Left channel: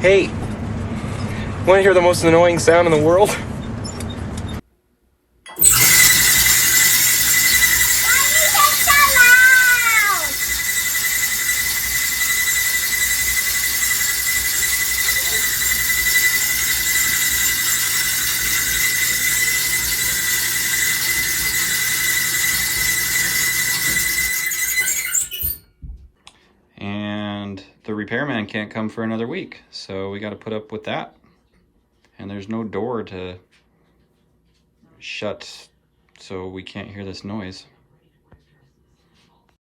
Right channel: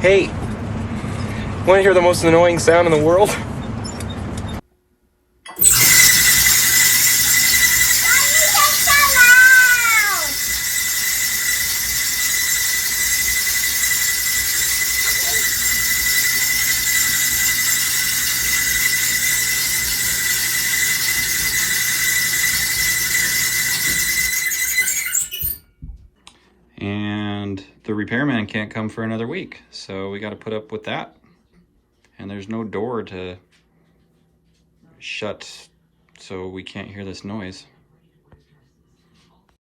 Hey, want to hear the most annoying sound in the world? Why are you so loud? And the repairman can't come for another week, so we got to put up with that. And there's no door to shut, so we can't hear this noise.